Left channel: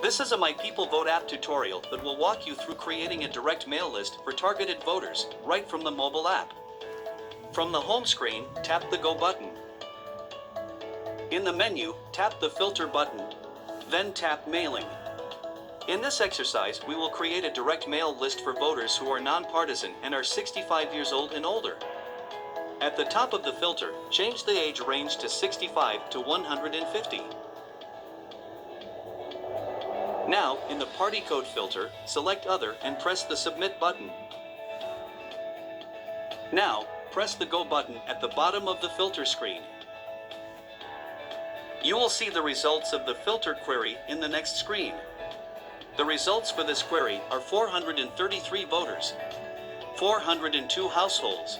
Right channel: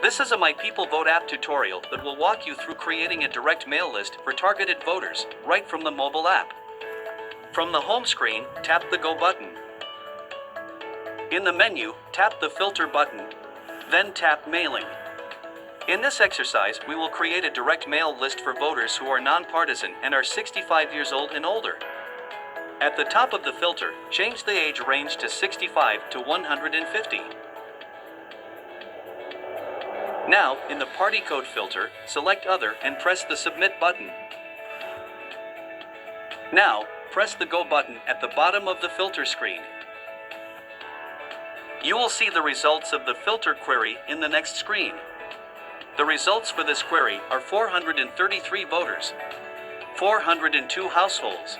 This is a My People Vote app tutorial that will walk you through creating a direct mail list for targeted voters right from the mobile app. From the home screen, tap the Go button. In the menu, tap the Filter button, then tap Mailing. In this exercise, we will create a direct mail list for voters who are nonpartisan and are 65 years old and older. At the top of the filter, change the age range to 65 to 150. Now, in the party code filter, select Other and press the Submit button. Now, press the Go button at the bottom of the filter screen. You will see the results of the filter query in the next screen. The results for this query are 433 voters, 402 households,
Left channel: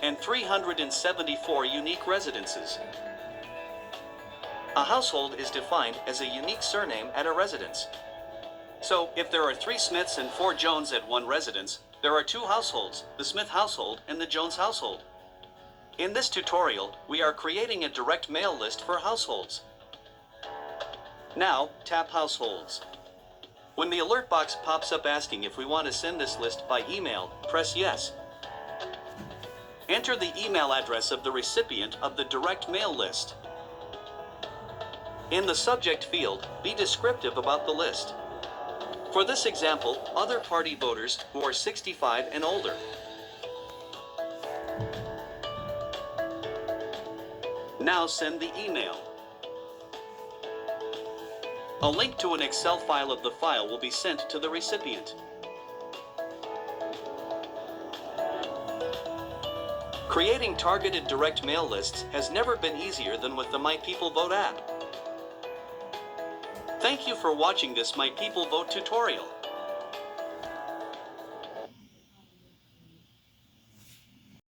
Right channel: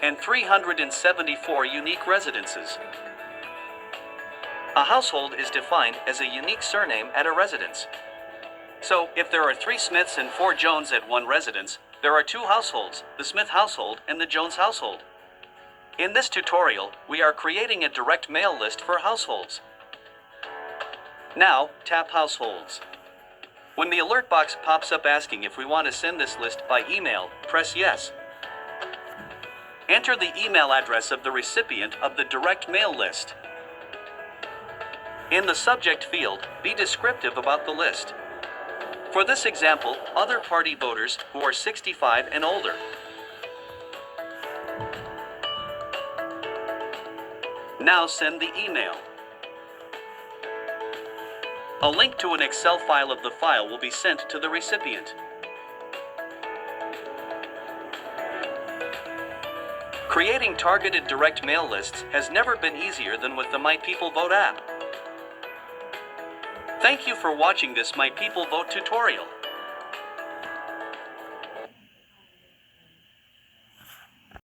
and 374 unique residences. A household is defined as a unique surname at a residence. So, if there are 3 Smiths and 4 Jones at one residence, there are 2 households, the Smith household and the Jones household. In this tutorial, we are creating a direct mail list for households. Now, tap Households. When the alert box pops up asking if we want to send this list by email, press Yes. Enter the email address of the recipient of the direct mail list. In the subject field, be descriptive about the list. For this example, other party voters who are 65 and older. Now send the email. A link to an Excel file of the file will be sent to the recipient. Creating targeted direct mail lists has never been easier than with the My People Vote app. Thank you for watching this My People Vote tutorial.